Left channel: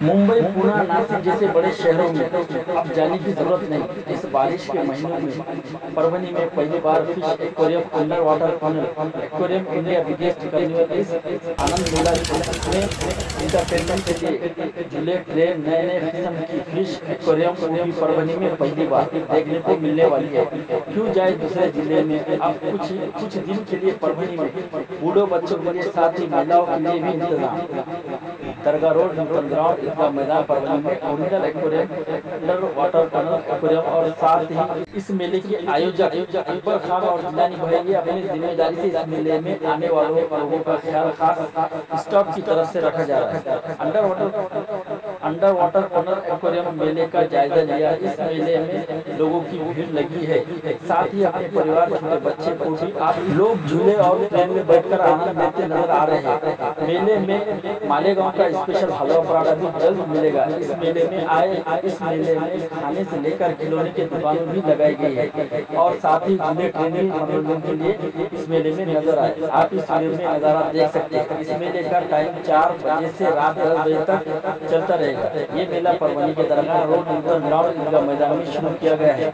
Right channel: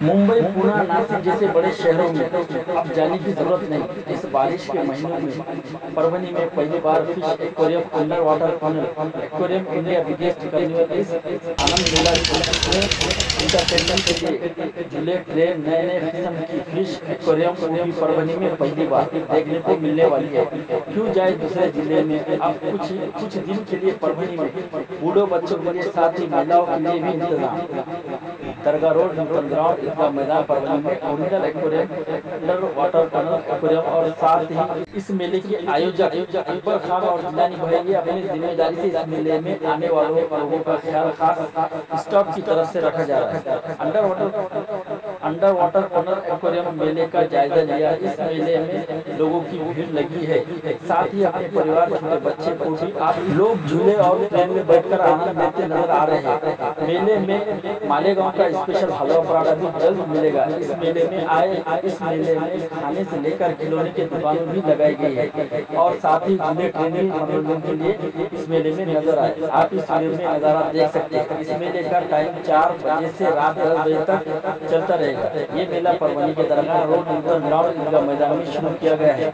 मुंबई, पुणे, नासिक जैसे बड़े शहरों में अब जाने की जरूरत नहीं। इस बारिश के महीनों में परभनी में पहली बार fish aquarium, under water tunnel aquarium India biggest carnival इस आनंद मेला में इंटरटेनमेंट के लिए झूले, ट्रेन, नए नए किस्म की फिश एक्वेरियम को भी परभनी में पहली बार देखने को मिलने वाली है। क्यों जाए दूसरे जिले में? अब कुछ दिन के लिए परभनी में बूढ़ों बच्चों के लिए, साथ ही महिलाओं के लिए भी इंतजाम। दरगाह रोड, नूतन ग्राउंड, ईदगाह मैदान परभनी में original aquarium, under water tunnel aquarium और साथ ही इस मेले के आयोजक अकबर खान और जिलानी भाई ये अपनी जिम्मेदारी से इस मेले में आने वालों लोगों का ख्याल खास स्टाफ की तरफ से रखा जा रहा है। अंडर वाटर टनल एक्वेरियम मेले का जायजा लिया। इस मेले में लोगों की भीड़ लगी है, साथ ही अपने परिवार, छोटे बच्चे को भी आप लोग झूले और ट्रेन में बैठकर आनंद लेते नजर आ रहे हैं। मेले में मालेगांव का स्पेशल हलवा पराठा भी जल्द मिलेगा। इस मेले में खाने से लेकर खिलौने की दुकानें भी लगाई गई है और साथ ही झूले, ट्रेन मनोरंजन के लिए इस मेले में नजर आए। आप इस वीडियो में नजारा देख सकते हैं। इस मेले का टाइम 4 बजे से रात 10 बजे तक चलता रहेगा। ये मेला परभनी के दरगाह रोड, नूतन ग्राउंड, ईदगाह मैदान में शुरू किया गया है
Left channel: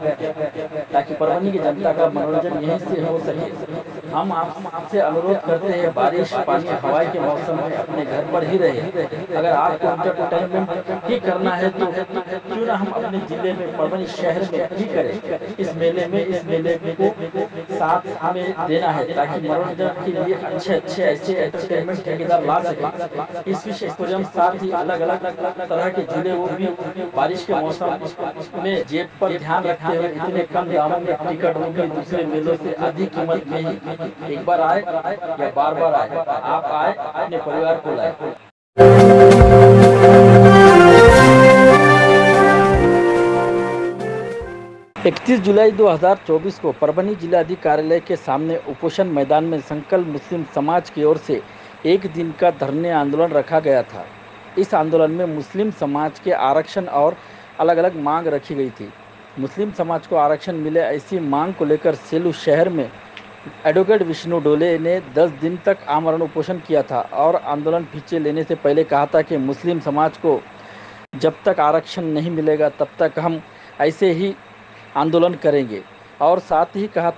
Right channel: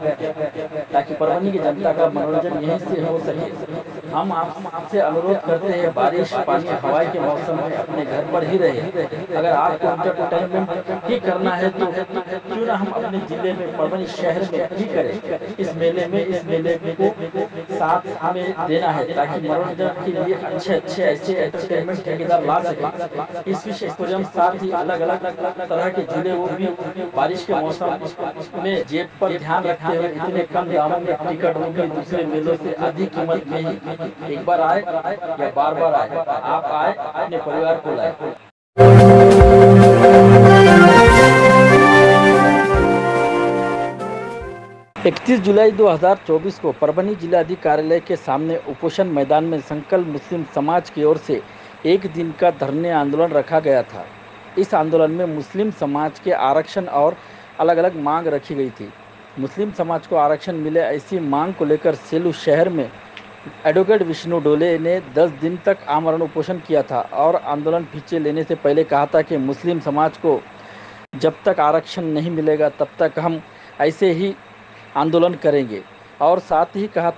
ताकि परभनी की जनता का मनोरंजन यहीं से हो सके। हम आपसे अनुरोध करते हैं, बारिश, पानी, हवाई के मौसम में अपने घर पर ही रहे। अगर आपको एंटरटेनमेंट ही करना है तो क्यों ना हम अपने जिले में, परभनी शहर में ही करें। इस मेले को साथ हमें देना है ताकि मनोरंजन के लिए अच्छे ऐसे एंटरटेनमेंट ठेकेदार ला सके। इस फिश एक्वेरियम साथ ही अलग अलग तरह के झूले वो भी बारिश के मौसम में जेब पर ध्यान रखते हुए इतने कम दामों में टिकट वो भी दूसरे मेलों से अधिक कीमत में ही। एक बार आए या बार आए, आप आए अपने परिवार को लाए। 31 जुलाई 2024 को परभनी जिलाधिकारी कार्यालय के सामने उपोषण मैदान में संकल्प मुस्लिम समाज की ओर से एक दिन का धरने आंदोलन रखा गया था। इस आंदोलन में मुस्लिम समाज के आरक्षण और अलग अलग मांग रखी गई थी। मुस्लिम समाज को आरक्षण मिले ऐसी मांग को लेकर सेलू शहर में एडवोकेट विष्णु डोले ने 10 दिन तक आमरण उपोषण किया था और आंदोलन पीछे लेने से पहले कहा था कि मुस्लिम समाज को जब तक आरक्षण नहीं मिलेगा तब तक हम ऐसे ही आंदोलन करेंगे। और साथ ही कहा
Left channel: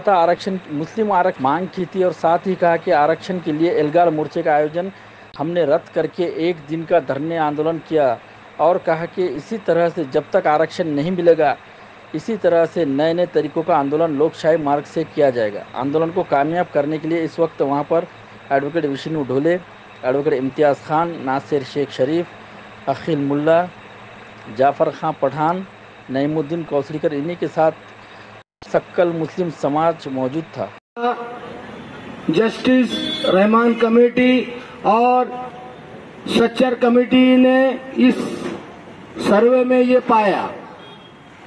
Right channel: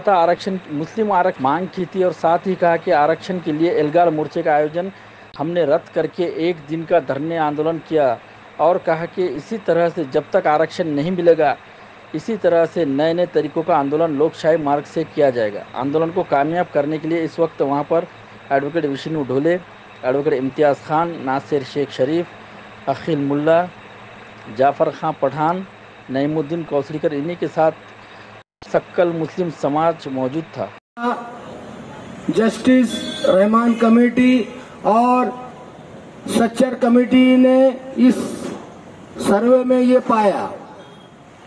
था आरक्षण, मुस्लिम आरक्षण मांग की थी और साथ ही कहा कि आरक्षण के लिए एल्गार मोर्चे का आयोजन हमने रद्द करके एक दिन का धरने आंदोलन किया और कहा कि इसी तरह से जब तक आरक्षण नहीं मिलेगा, इसी तरह से नए नए तरीकों का आंदोलन लोकशाही मार्ग से किया जाएगा। आंदोलन को कामयाब करने के लिए इस वक्त वहां पर एडवोकेट विष्णु डोले, एडवोकेट इम्तियाज़ खान, नासिर शेख शरीफ, अखिल मुल्ला, जाफ़र खां पठान, नईमुद्दीन कौसलीकर, इन्हीं के साथ सक्कल मुस्लिम समाज मौजूद था। जस्टिस रहमान कमेटी और सच्चर कमेटी ने इस सर्वे में ये पाया।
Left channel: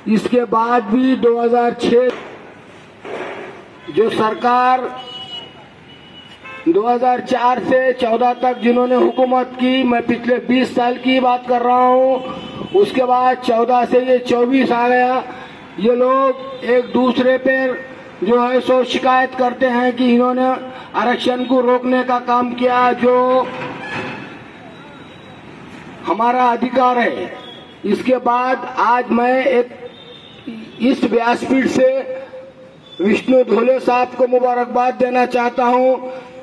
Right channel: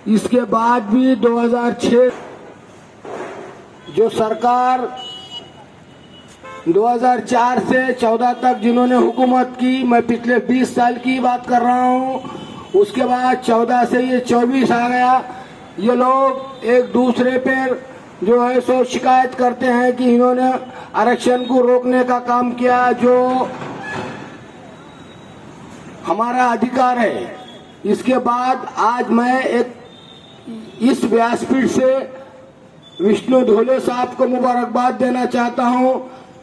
इसके बाद भी 2006 जो सरकार 2004 से 14 तक जिन्होंने हुकूमत की, मैं पिछले 20 साल की बात कर रहा हूँ, उसके बाद 14 से ये 24 आ गया। ये लोग एक दूसरे पर जो है सो शिकायत करते हैं कि इन्होंने आरक्षण को रोकने का काम किया, जो हमारा अधिकार है। इसके बाद आज मैं एक इस व्यासपीठ से विष्णु डोले साहब को मुबारकबाद देना चाहता हूं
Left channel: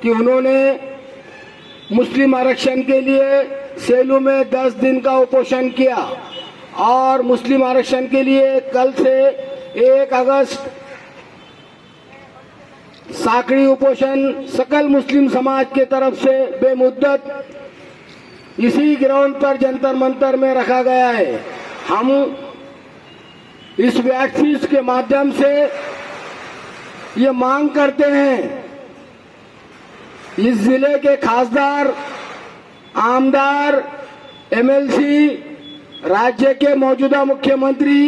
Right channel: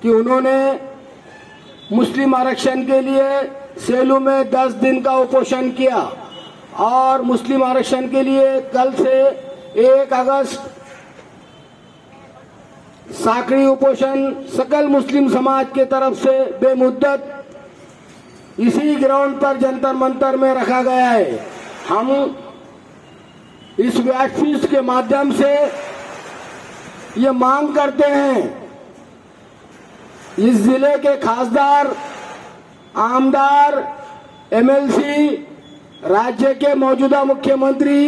कि उन्होंने मुस्लिम आरक्षण के लिए सेलू में 10 दिन का उपोषण किया और मुस्लिम आरक्षण के लिए कल से 1 अगस्त साकड़ी उपोषण सकल मुस्लिम समाज के तरफ से बेमुद्दत इसी ग्राउंड पर जंतर मंतर में रखा गया है। हम इस व्यासपीठ के माध्यम से ये मांग करते हैं, इस जिले के खासदार, आमदार, एमएलसी, राज्य के मौजूदा मुख्यमंत्री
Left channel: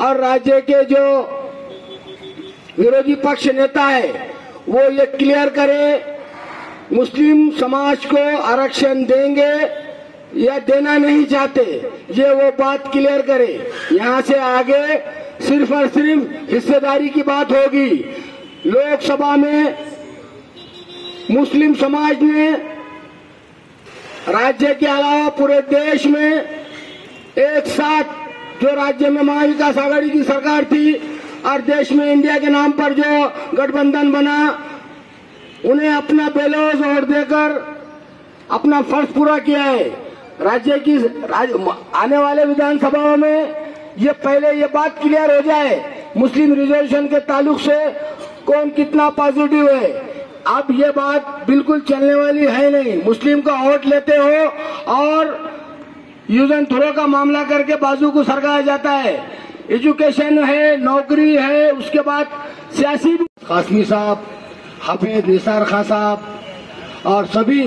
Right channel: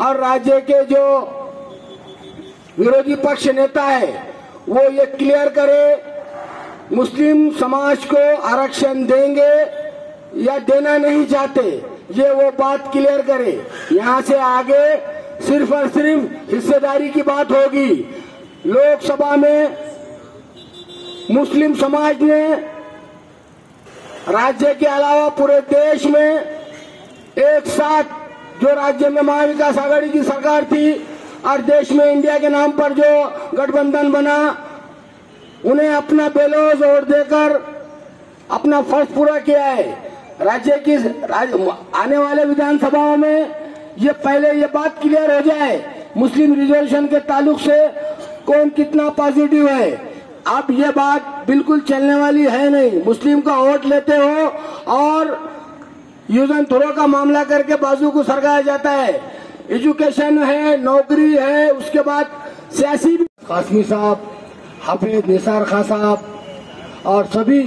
और राज्य के जो विरोधी पक्ष नेता है वो ये क्लियर करे मुस्लिम समाज को आरक्षण देंगे या देना नहीं चाहते, ये वो बात क्लियर करे। यहाँ से आगे सिर्फ और सिर्फ हिस्सेदारी की बात होगी। लोकसभा में मुस्लिम समाज ने राज्य के अलावा पूरे देश में एक साथ, जो राज्य में महाविकास आघाड़ी की सरकार थी और देश में इंडिया के नाम पर जो गठबंधन बना, उन्हें अपना बेलौज वोट देकर अपना फर्ज पूरा किया है। राज्य की आने वाले विधानसभाओं में ये पहले ये बात क्लियर हो जाए मुस्लिम रिजर्वेशन के ताल्लुक से कौन कितना पॉजिटिव है। अब ये बात बिल्कुल चलने वाली है नहीं। मुस्लिम का वोट लेते हो और यूज एंड थ्रो का मामला करके बाजू को सरकाया जाता है। एजुकेशन है, नौकरी है, उसके बाद सियासी कासमी साहब, हाफिज निसार खान साहब और सभी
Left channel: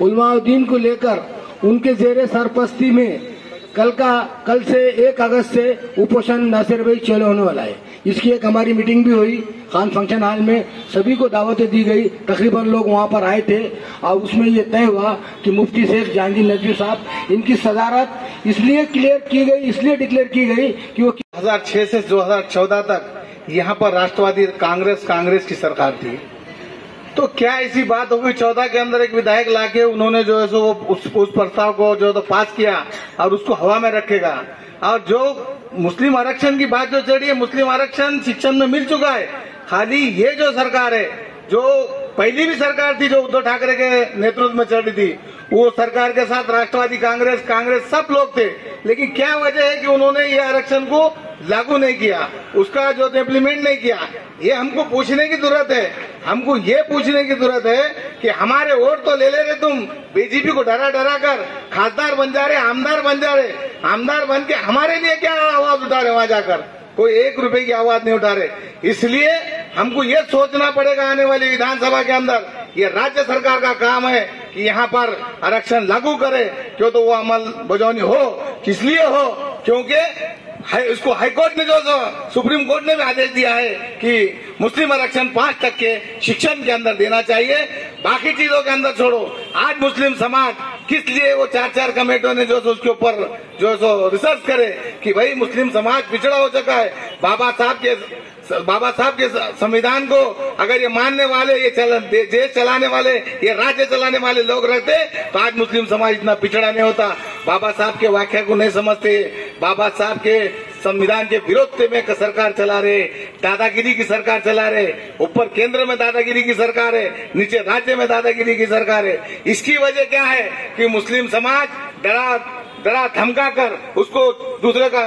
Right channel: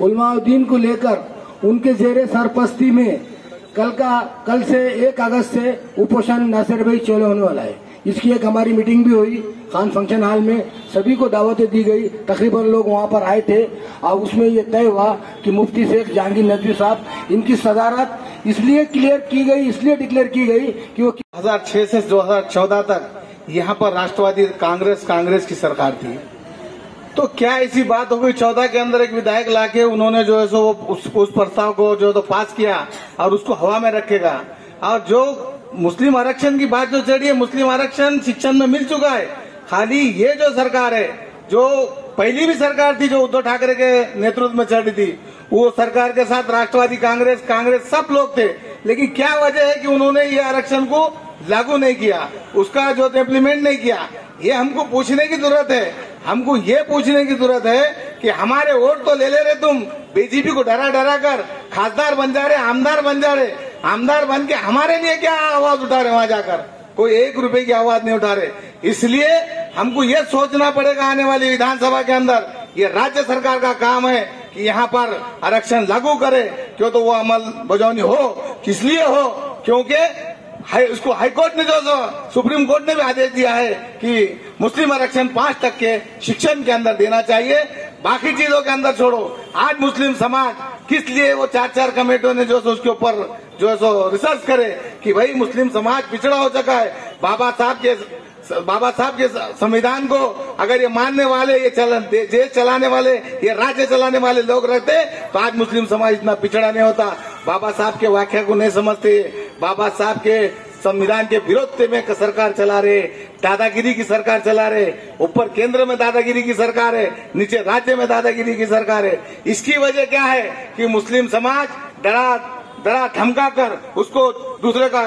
उलमाउद्दीन को लेकर उनके जेरे सरपरस्ती में कल से 1 अगस्त से उपोषण नासिर भाई चालू होने वाला है। इसकी एक हमारी मीटिंग भी हुई खान फंक्शन हॉल में, सभी को दावतें दी गई, तकरीबन लोग वहां पर आए थे और उसमें ये तय हुआ कि मुफ्ती शेख जहांगीर नदवी साहब, इनकी सदारत इसलिए डिक्लेयर की गई कि वो 2006 से 2014 तक यहाँ पर राष्ट्रवादी कांग्रेस की सरकार थी। तो क्या ऐसी बात हो गई 14 के अंदर एक विधायक लाके उन्होंने जो है सो उस प्रस्ताव को जो तो पास किया और उसको हवा में रखेगा। और जो मुस्लिम आरक्षण की बात जो चढ़ी है, मुस्लिम आरक्षण शिक्षण में मिल चुका है। खाली ये जो सरकार है, जो पहली भी सरकार थी जो उद्धव ठाकरे के नेतृत्व में चढ़ी थी, वो सरकार के साथ राष्ट्रवादी कांग्रेस सब लोग थे। लेकिन क्या वजह है कि उन्होंने ये आरक्षण को लागू नहीं किया, उसका जो इम्प्लीमेंट नहीं किया। ये हमको पूछने की जरूरत है। हमको ये पूछने की जरूरत है कि हमारे वोट तो ले रहे तुम, बीजेपी को डरा कर खासदार बन जा रहे, आमदार बन जा रहे, आमदार बन के हमारे लिए क्या आवाज उठा रहे वहां जाकर? कोई 1 रुपए की आवाज नहीं उठा रहे। इसलिए हमको ये सोचना पड़ेगा आने वाली विधानसभा के अंदर, ये राज्य सरकार का काम है कि यहाँ पर आरक्षण लागू करे। क्यों तो वो अमल बजौनी हो, किस लिए हो? क्योंकि इसको हाईकोर्ट ने जो सुप्रीम कोर्ट ने भी आदेश दिया है कि मुस्लिम आरक्षण 5 तक के शिक्षण के अंदर देना चाहिए, बाकी चीजों के अंदर छोड़ो। आज मुस्लिम समाज किस लिए वो 4 कमेटियों ने जो उसके ऊपर जो सो रिसर्च करे कि भाई मुस्लिम समाज पिछड़ा हो चुका है। बाबा साहब के संविधान को अगर ये मानने वाले, ये चलाने वाले, ये राज्य चलाने वाले लोग रहते तो आज मुस्लिम समाज इतना पिछड़ा नहीं होता। बाबा साहब के वाक्य को नहीं समझते, बाबा साहब के संविधान के विरोध में सरकार चला रहे, दादागिरी की सरकार चला रहे। ऊपर केंद्र में दादागिरी की सरकार है, नीचे राज्य में दादागिरी की सरकार है। इसकी वजह क्या है कि मुस्लिम समाज डरा धमका कर, उसको दूसरे का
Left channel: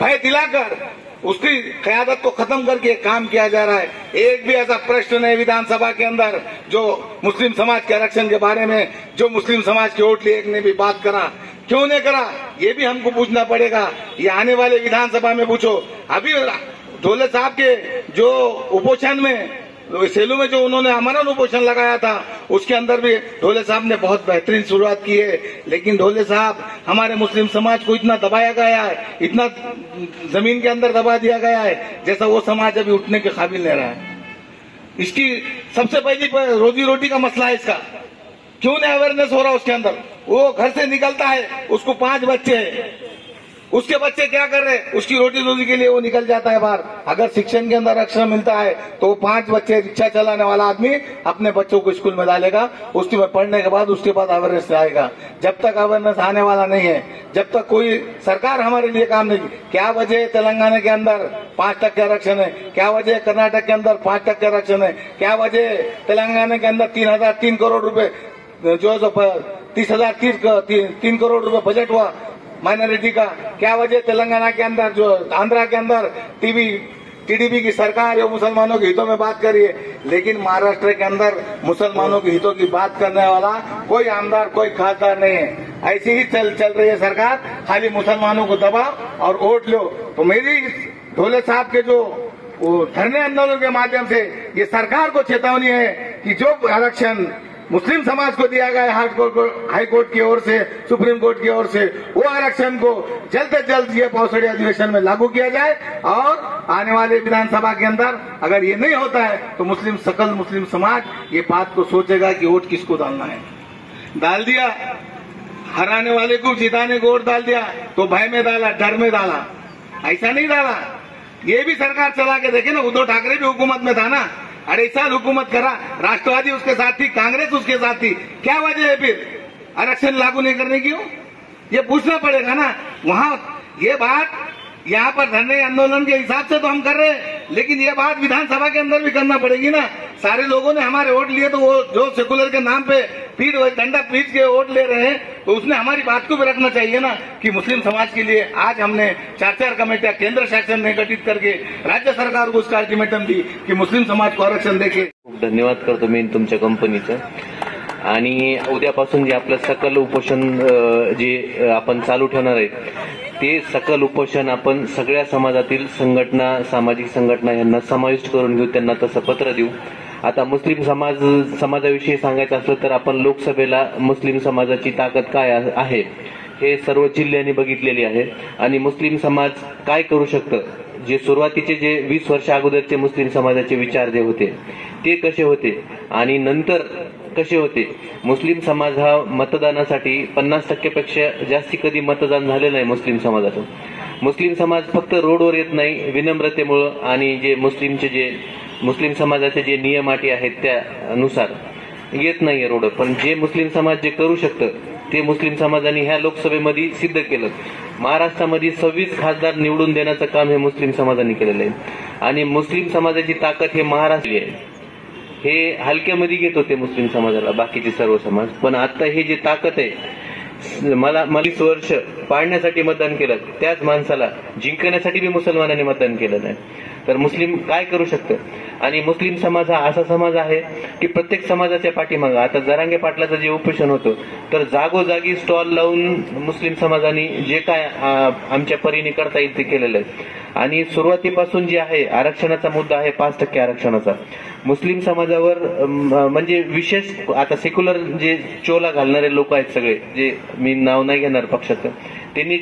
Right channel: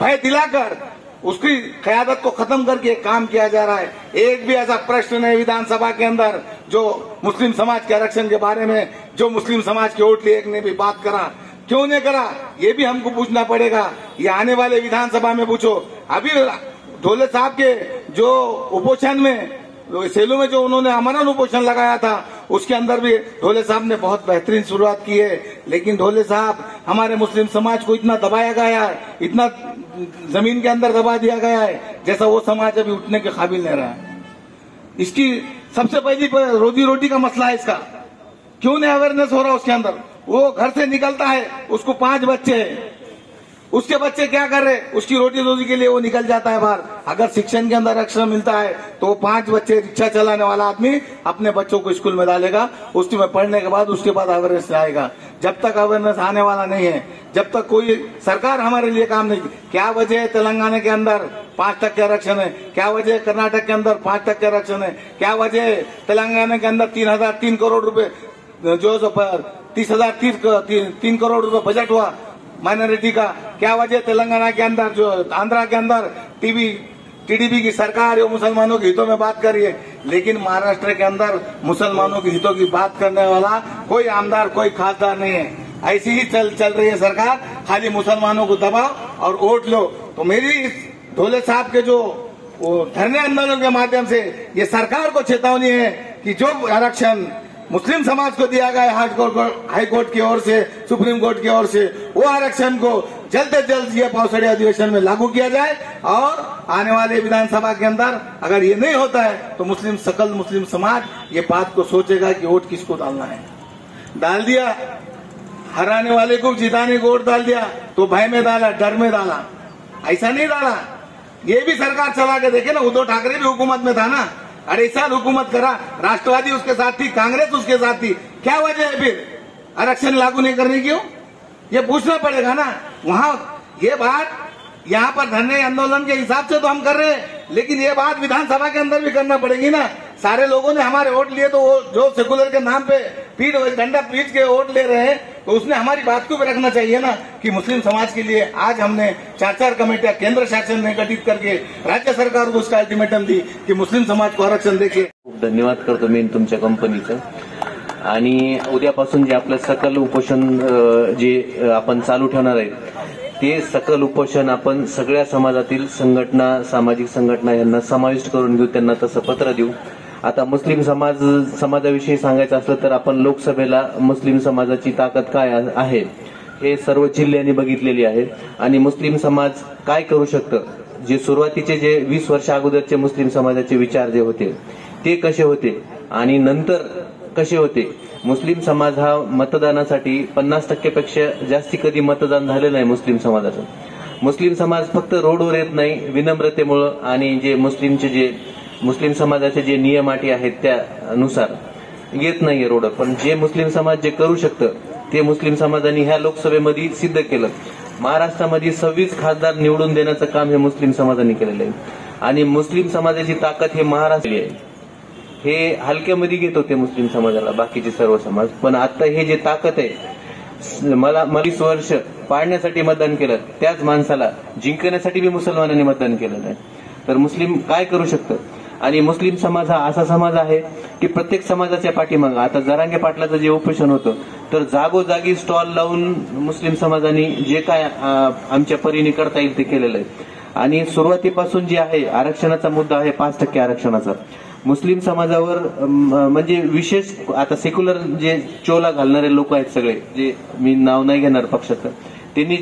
भय दिलाकर उसकी क़यादत को खत्म करके काम किया जा रहा है। एक भी ऐसा प्रश्न नहीं विधानसभा के अंदर जो मुस्लिम समाज के आरक्षण के बारे में, जो मुस्लिम समाज के वोट लिए एक ने भी बात करा, क्यों नहीं करा? ये भी हमको पूछना पड़ेगा। ये आने वाले विधानसभा में पूछो। अभी ढोले साहब के जो उपोषण में सेलू में जो उन्होंने आमरण उपोषण लगाया था, उसके अंदर भी ढोले साहब ने बहुत बेहतरीन शुरुआत की है। लेकिन ढोले साहब हमारे मुस्लिम समाज को इतना दबाया गया है, इतना जमीन के अंदर दबा दिया गया है, जैसा वो समाज अभी उठने के काबिल नहीं रहा है। इसकी सबसे पहली रोजी रोटी का मसला है। इसका क्यों नहीं अवेयरनेस हो रहा उसके अंदर? वो घर से निकलता है, उसको 5 बच्चे हैं, उसके बच्चे क्या कर रहे? उसकी रोटी रोजी के लिए वो निकल जाता है बाहर। अगर शिक्षण के अंदर अक्षर मिलता है तो 5 बच्चे रिक्शा चलाने वाला आदमी अपने बच्चों को स्कूल में डालेगा, उसके में पढ़ने के बाद उसके बाद अवेयरनेस आएगा। जब तक अवेयरनेस आने वाला नहीं है, जब तक कोई सरकार हमारे लिए काम नहीं। क्या वजह है तेलंगाना के अंदर 5% आरक्षण है? क्या वजह है कर्नाटक के अंदर 5% आरक्षण है? क्या वजह है तेलंगाना के अंदर 3 करोड़ रुपए जो 3 करोड़ रुपए बजट हुआ माइनॉरिटी का? क्या वजह तेलंगाना के अंदर, जो आंध्रा के अंदर टीडीपी की सरकार है मुसलमानों के हितों में बात कर रही है, लेकिन महाराष्ट्र के अंदर मुसलमानों के हितों की बात करने वाला कोई आमदार, कोई खासदार नहीं है। ऐसी ही चल रही है सरकार, खाली मुसलमानों को दबा और वोट लो। तो मेरी इस ढोले साहब के जो धरने आंदोलन के माध्यम से ये सरकार को चेतावनी है कि जो आरक्षण मुस्लिम समाज को दिया गया हाई कोर्ट की ओर से, सुप्रीम कोर्ट की ओर से, वो आरक्षण को जल्द से जल्द ये पौसड़ी अधिवेशन में लागू किया जाए। और आने वाले विधानसभा के अंदर अगर ये नहीं होता है तो सकल मुस्लिम समाज ये बात को सोचेगा कि वोट किसको डालना है। डाल दिया, हराने वाले को, जिताने को वोट डाल दिया तो भय में डाला, डर में डाला। ऐसा नहीं डाला। ये भी सरकार चला के देखे ना, उद्धव ठाकरे भी हुकूमत में था ना, अढ़ाई साल हुकूमत करा, राष्ट्रवादी उसके साथ थी, कांग्रेस उसके साथ थी, क्या वजह है फिर आरक्षण लागू नहीं करने की? ये पूछना पड़ेगा ना। वहां ये बात यहाँ पर धरने आंदोलन के हिसाब से तो हम कर रहे हैं, लेकिन ये बात विधानसभा के अंदर भी करना पड़ेगी ना। सारे लोगों ने हमारे वोट लिए, तो वो जो सेकुलर के नाम पे डंडा पीट के वोट ले रहे हैं, तो उसने हमारी बात को भी रखना चाहिए ना कि मुस्लिम समाज के लिए आज हमने 4 कमेटियां केंद्र शासन ने गठित करके राज्य सरकार को उसका अल्टिमेटम दी की मुस्लिम समाज को आरक्षण देके। खूप धन्यवाद करतो मी तुमच्या कंपनीचं. आणि उद्यापासून जे आपलं सकल उपोषण जे आपण चालू ठेवणार आहे ते सकल उपोषण आपण सगळ्या समाजातील संघटना, सामाजिक संघटना यांना समाविष्ट करून घेऊ, त्यांना तसं पत्र देऊ. आता मुस्लिम समाजाविषयी सांगायचं असलं तर आपण लोकसभेला मुस्लिम समाजाची ताकद काय आहे हे सर्व जिल्ह्यांनी बघितलेली आहे आणि मुस्लिम समाज काय करू शकतं. जे सुरुवातीचे जे 20 वर्ष अगोदरचे मुस्लिम समाजाचे विचार जे होते ते कसे होते आणि नंतर कसे होते. मुस्लिम समाज हा मतदानासाठी 50% पेक्षा जास्ती कधी मतदान झालेलं आहे मुस्लिम समाजाचं. मुस्लिम समाज फक्त रोडवर येत नाही विनम्रतेमुळे आणि जे मुस्लिम समाजाचे जे नियम अटी आहेत त्यानुसार येत नाहीये रोडवर, पण जे मुस्लिम समाज जे करू शकतं ते मुस्लिम समाजाने ह्या लोकसभेमध्ये सिद्ध केलं. महाराष्ट्रामध्ये 26 खासदार निवडून देण्याचं काम हे मुस्लिम समाजाने केलेलं आहे आणि मुस्लिम समाजाची ताकद हे महाराष्ट्र आहे. हे हलक्यामध्ये घेत होते मुस्लिम समाजाला बाकीचे सर्व समाज, पण आता हे जे ताकद आहे, मला 20 वर्ष पाडण्यासाठी मतदान केलं, त्याच माणसाला जिंकण्यासाठी मी मुसलमानांनी मतदान केलं नाही. तर मुस्लिम काय करू शकतं. आणि मुस्लिम समाज हा असा समाज आहे की प्रत्येक समाजाच्या पाठीमागे, आता जरांगे पाटलाचं जे उपोषण होतं तर जागोजागी स्टॉल लावून मुस्लिम समाजाने जे काय आमच्या परीने करता येईल ते केलेलं आहे. आणि सुरुवातीपासून जे आहे आरक्षणाचा मुद्दा आहे 5% आरक्षणाचा. मुस्लिम समाजावर म्हणजे विशेष आता सेक्युलर जे चोला घालणारे लोक आहेत सगळे, जे मी नाव नाही घेणार पक्षाचं, त्यांनी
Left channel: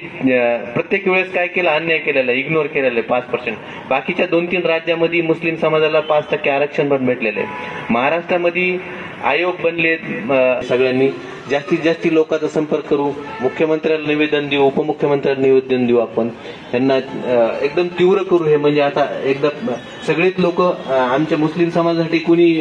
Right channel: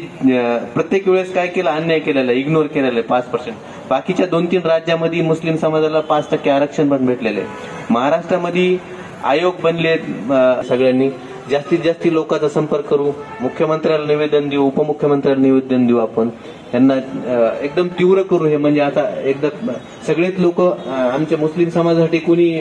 प्रत्येक वेळेस काय केलं, अन्याय केलेला, इग्नोर केलेला आहे 5%. बाकीच्या 2-3 राज्यामध्ये मुस्लिम समाजाला 5% आरक्षण पण भेटलेलं आहे. महाराष्ट्रामध्ये आयोग बनले, सगळ्यांनी जास्तीत जास्त लोकांचा संपर्क करू, मुख्यमंत्र्याला निवेदन देऊ, उपमुख्यमंत्र्याला निवेदन देऊ, आपण त्यांना एकदम तीव्र करू. हे म्हणजे आता एकदम सगळेच लोक आमच्या मुस्लिम समाजासाठी कुणी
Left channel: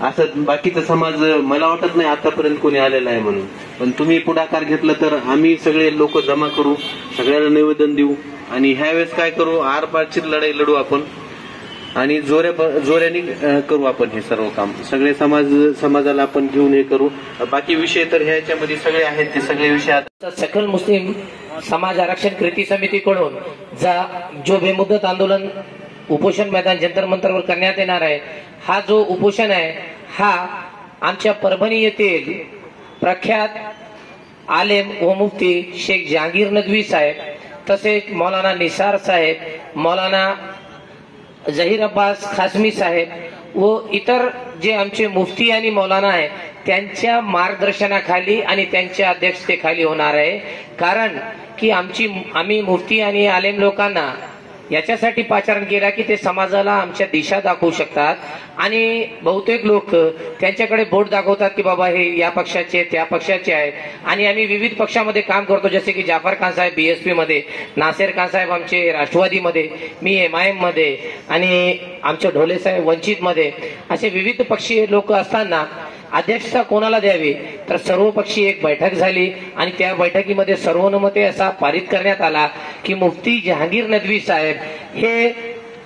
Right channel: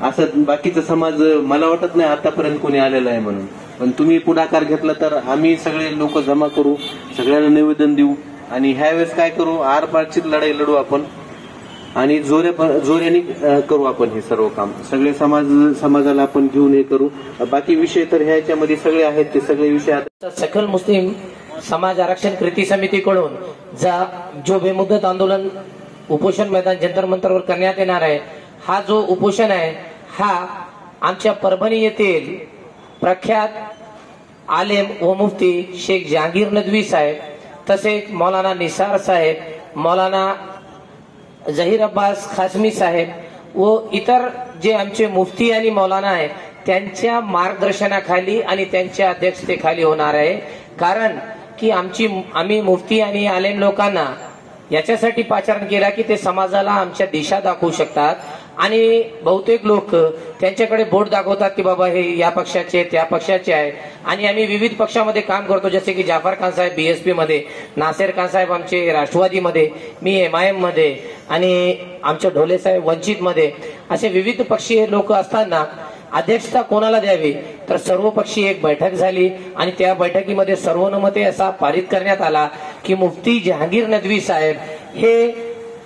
असं बाकीचा समाज मला वाटत नाही आतापर्यंत कोणी आलेला आहे म्हणून, पण तुम्ही पुढाकार घेतला तर आम्ही सगळे लोक जमा करू, सगळ्यांना निवेदन देऊ आणि ह्या वेळेस काय करू, आरपारची लढाई लढू आपण आणि जोऱ्याने करू आपण हे सर्व काम. सगळे समाजाला आपण घेऊन हे करू. बाकी विषय तर ह्याच्यामध्ये सगळे आहेत, ते सगळे विषय सकल मुस्लिम समाज आरक्षण कृती समितीकडून जो बेमुदत आंदोलन उपोषण मैदान जंतर मंतरवर करण्यात येणार आहे, हा जो उपोषण आहे हा आमच्या परभणी येथील प्रख्यात आलेम व मुफ्ती शेख जहांगीर नदवी साहेब, तसेच मौलाना निसार साहेब, मौलाना जहीर अब्बास खासमी साहेब व इतर जे आमचे मुफ्ती आणि मौलाना आहे त्यांच्या मार्गदर्शनाखाली आणि त्यांच्या अध्यक्षतेखाली होणार आहे. कारण की आम्ही मुफ्ती आणि आलेम लोकांना याच्यासाठी पाचारण केला की ते समाजाला आमच्या दिशा दाखवू शकतात आणि बहुतेक लोक त्यांच्याकडे बोट दाखवतात की बाबा हे या पक्षाचे त्या पक्षाचे आहे आणि आम्ही विविध पक्षामध्ये काम करतो, जसे की जाफर खान साहेब बीएसपी मध्ये, नासेर खान साहेब आमचे राष्ट्रवादीमध्ये, मी MIM मध्ये आणि आमचे ढोले साहेब वंचित मध्ये, असे विविध पक्षीय लोक असताना अध्यक्षता कोणाला द्यावी तर सर्वपक्षीय एक बैठक झाली आणि त्या बैठकीमध्ये सर्वानुमते असा पारित करण्यात आला की मुफ्ती जहांगीर नदवी साहेब हे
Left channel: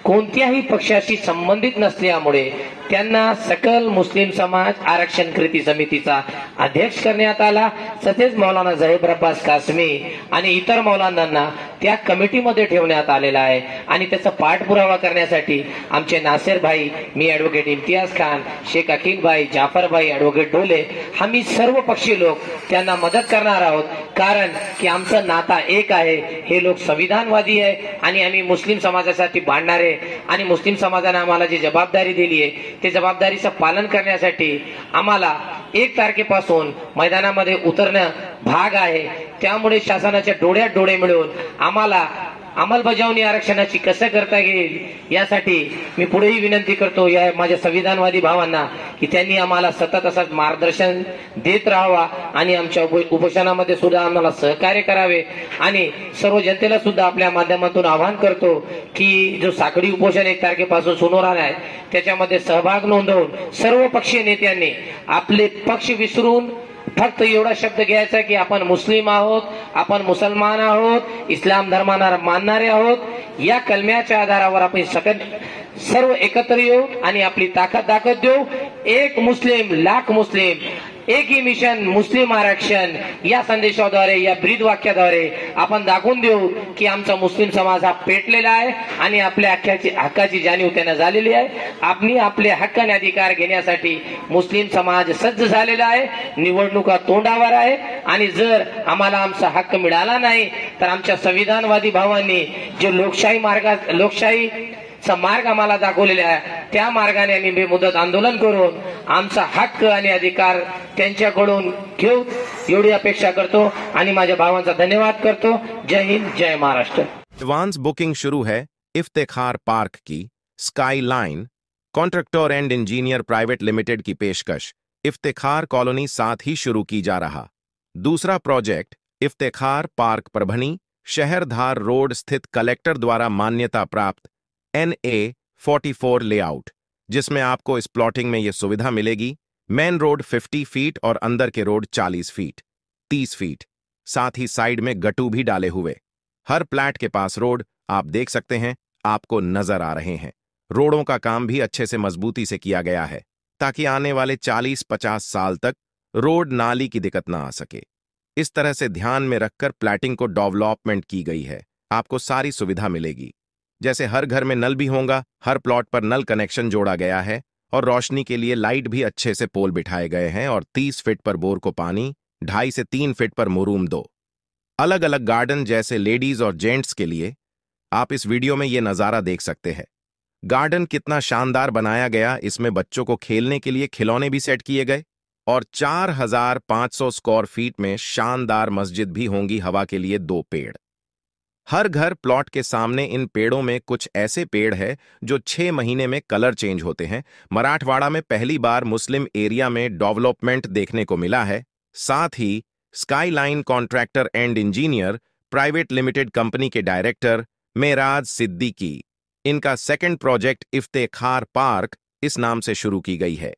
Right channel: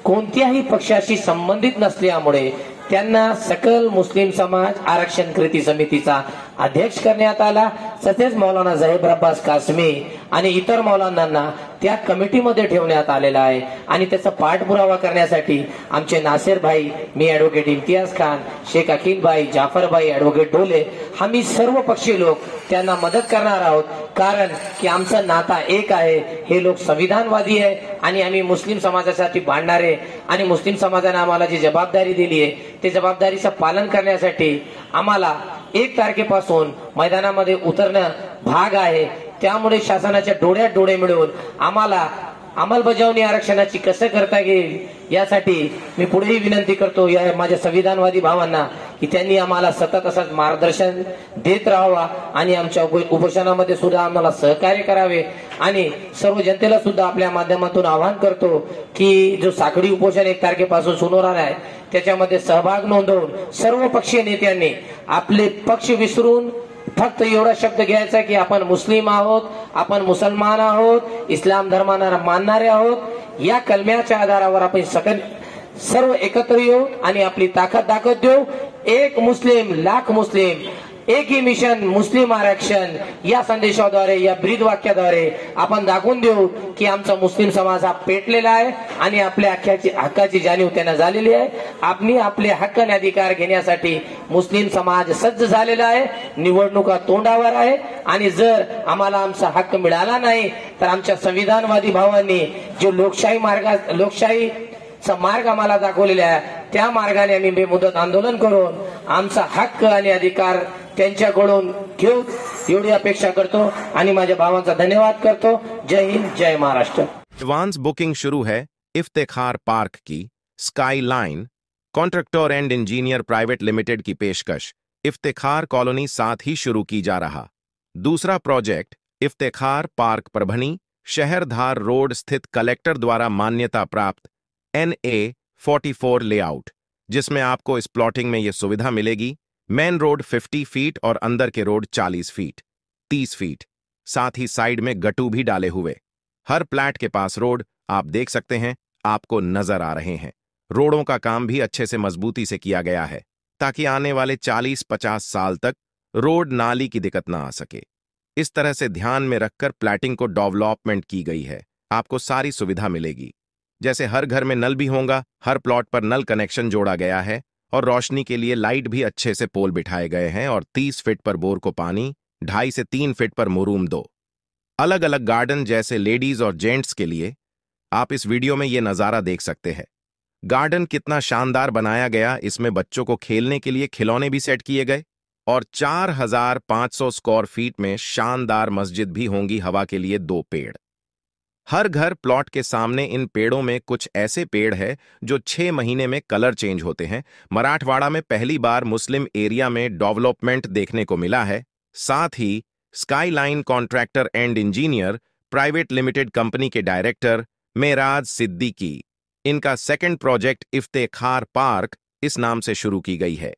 कोणत्याही पक्षाशी संबंधित नसल्यामुळे त्यांना सकल मुस्लिम समाज आरक्षण कृती समितीचा अध्यक्ष करण्यात आला. तसेच मौलाना जहीर अब्बास कासमी आणि इतर मौलानांना त्या कमिटीमध्ये ठेवण्यात आलेला आहे आणि त्याचा पाठपुरावा करण्यासाठी आमचे नासेर भाई, मी ॲडव्होकेट इम्तियाज खान, शेख अकील भाई, जाफर भाई, ॲडव्होकेट ढोले, आम्ही सर्व पक्षी लोक त्यांना मदत करणार आहोत. कारण की आमचं नाता एक आहे, हे लोक संविधानवादी आहे आणि आम्ही मुस्लिम समाजासाठी भांडणारे आणि मुस्लिम समाजाने आम्हाला जी जबाबदारी दिली आहे ते जबाबदारीचं पालन करण्यासाठी आम्हाला 1 तारखेपासून मैदानामध्ये उतरणं भाग आहे. त्यामुळे शासनाच्या डोळ्यात डोळे मिळवून आम्हाला अंमलबजावणी आरक्षणाची कसं करता येईल यासाठी मी पुढेही विनंती करतो या माझ्या संविधानवादी भावांना की त्यांनी आम्हाला सतत असंच मार्गदर्शन देत राहावा आणि आमच्या उपोषणामध्ये सुद्धा आम्हाला सहकार्य करावे। आणि सर्व जनतेला सुद्धा आपल्या माध्यमातून आवाहन करतो की जो साखळी उपोषण 1 तारखेपासून सुरू होणार आहे त्याच्यामध्ये सहभाग नोंदवून सर्व पक्षीय नेत्यांनी आपले पक्ष विसरून फक्त एवढा शब्द घ्यायचा की आपण मुस्लिम आहोत, आपण मुसलमान आहोत, इस्लाम धर्माला मानणारे आहोत। या कलम्याच्या आधारावर आपण सर्व एकत्र येऊ आणि आपली ताकद दाखवत देऊ। एक मुस्लिम लाख मुस्लिम, एक ही मिशन मुस्लिम आरक्षण या संदेशाद्वारे, या ब्रीद वाक्याद्वारे आपण दाखवून देऊ की आमचा मुस्लिम समाज हा पेटलेला आहे आणि आपल्या हक्काची जाणीव त्यांना झालेली आहे। आपण आपले हक्क आणि अधिकार घेण्यासाठी मुस्लिम समाज सज्ज झालेला आहे, निवडणुका तोंडावर आहे आणि जर आम्हाला आमचा हक्क मिळाला नाही तर आमच्या संविधानवादी भावांनी जे लोकशाही मार्ग आम्हाला दाखवलेला आहे त्या मार्गाने आम्ही बेमुदत आंदोलन करून आमचा हक्क आणि अधिकार त्यांच्याकडून घेऊ एवढी अपेक्षा करतो आणि माझ्या भावांचा धन्यवाद करतो। जय हिंद, जय महाराष्ट्र। एडवांस बुकिंग शुरू है इफ्तिखार पार्क की sky line contractor and engineer private limited की पेशकश इफ्तिखार कॉलोनी साथ ही शुरू की जा रहा। दूसरा प्रोजेक्ट इफ्तिखार पार्क परभनी शहरधार रोड स्थित कलेक्टर द्वारा मान्यता प्राप्त NA44 लेआउट, जिसमें आपको इस प्लॉटिंग में यह सुविधा मिलेगी। मेन रोड 50 फीट और अंदर के रोड 40 फीट 30 फीट, साथ ही साइड में गट्टू भी डाले हुए। हर प्लैट के पास रोड आप देख सकते हैं, आपको नजर आ रहे हैं। रोडों का काम भी अच्छे से मजबूती से किया गया है ताकि आने वाले 40-50 साल तक रोड नाली की दिक्कत ना आ सके। इस तरह से ध्यान में रखकर प्लैटिंग को डेवलपमेंट की गई है। आपको सारी सुविधा मिलेगी, जैसे हर घर में नल भी होगा, हर प्लॉट पर नल कनेक्शन जोड़ा गया है और रोशनी के लिए लाइट भी अच्छे से पोल बिठाए गए हैं और 30 फीट पर बोर को पानी, 2.5 से 3 फीट पर मुरूम 2। अलग अलग गार्डन जैसे लेडीज और जेंट्स के लिए आप इस वीडियो में ये नज़ारा देख सकते हैं। गार्डन कितना शानदार बनाया गया, इसमें बच्चों को खेलने के लिए खिलौने भी सेट किए गए और 4500 स्क्वायर फीट में शानदार मस्जिद भी होंगी। हवा के लिए 2 पेड़। हर घर प्लॉट के सामने इन पेड़ों में कुछ ऐसे पेड़ है जो 6 महीने में कलर चेंज होते हैं। मराठवाड़ा में पहली बार मुस्लिम एरिया में डेवलपमेंट देखने को मिला है। साथ ही sky line contractor and engineer private limited company के डायरेक्टर मेराज सिद्दीकी, इनका सेकंड प्रोजेक्ट इफ्तिखार पार्क इस नाम से शुरू की गई है।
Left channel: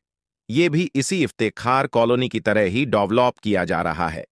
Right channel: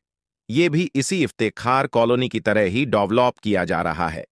ये भी इसी इफ्तिखार कॉलोनी की तरह ही डेवलप किया जा रहा है।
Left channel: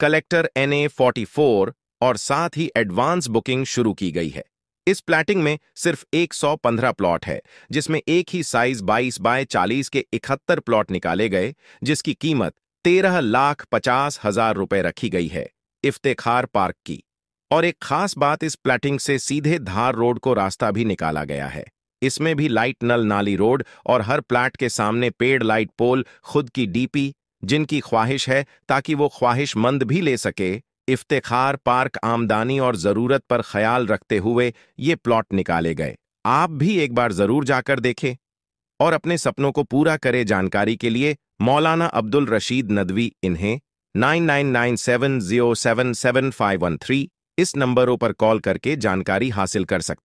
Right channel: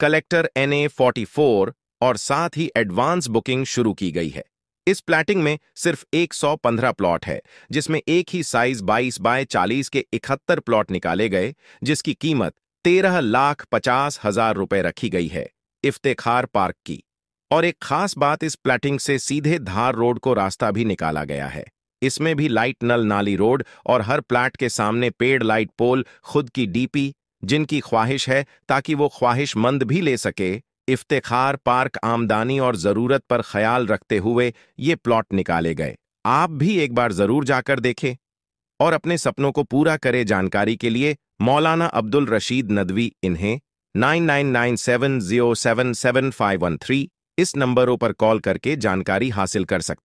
कलेक्टर NA44 और साथ ही एडवांस बुकिंग शुरू की गई है। इस प्लैटिंग में सिर्फ 115 प्लॉट है, जिसमें एक ही साइज 22 बाय 40 के 71 प्लॉट निकाले गए, जिसकी कीमत 13,50,000 रुपए रखी गई है इफ्तिखार पार्क की। और एक खास बात, इस प्लैटिंग से सीधे धार रोड को रास्ता भी निकाला गया है। इसमें भी लाइट नल नाली रोड और हर प्लैट के सामने पेड़ लाइट पोल, खुद की DP, जिनकी ख्वाहिश है ताकि वो ख्वाहिशमंद भी ले सके। इफ्तिखार पार्क आमदनी और जरूरत पर ख्याल रखते हुए ये प्लॉट निकाले गए। आप भी एक बार जरूर जाकर देखें और अपने सपनों को पूरा करें। जानकारी के लिए मौलाना अब्दुल रशीद नदवी, इन्हें 9997077513 इस नंबरों पर कॉल करके जानकारी हासिल कर सकते।